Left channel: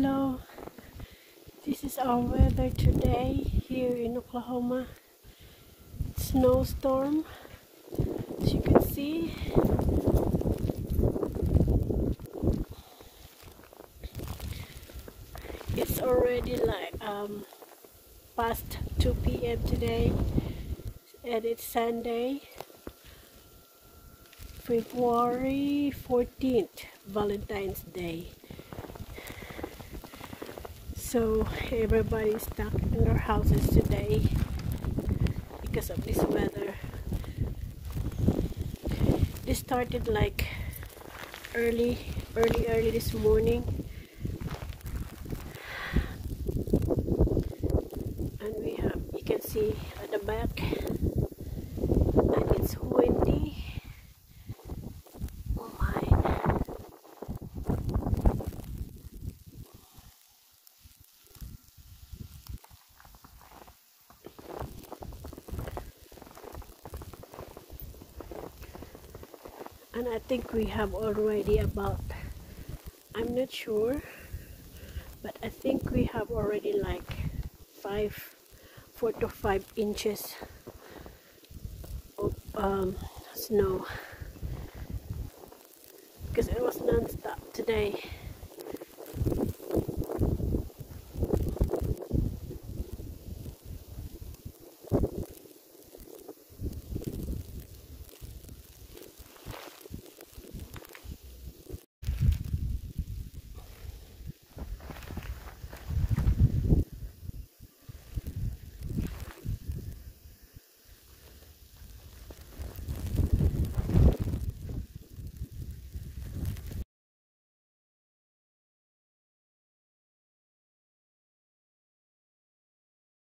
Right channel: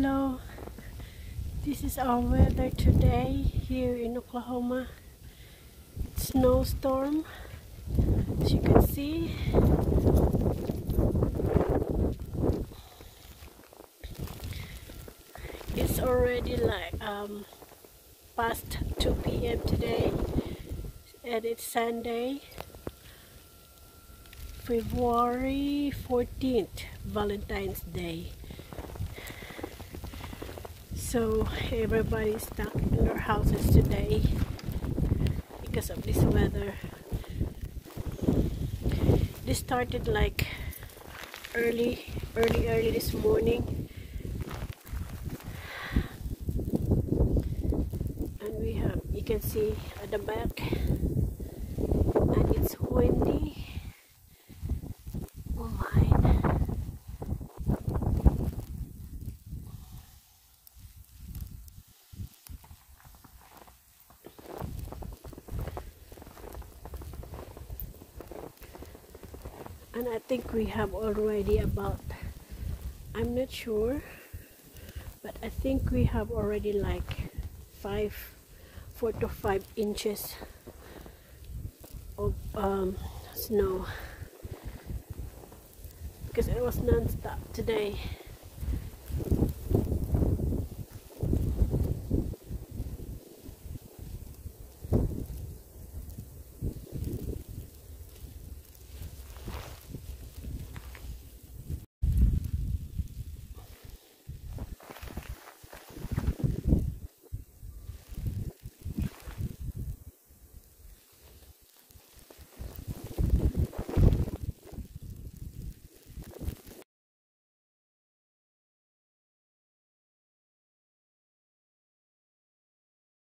Hello, this is our weather today here in Oklahoma. Snowstorm, as you can see. It's already like past 2 p.m. today, and it's Sunday, February 14th, Valentine's Day. So everybody's stuck in their houses today because of this weather. This started like early this morning, and we have, you can see at the back, and it's windy. Oh my. And I think we have already about, I'm not sure, but I think we have already like 4 to 5 inches of snow, because it was non-stop today.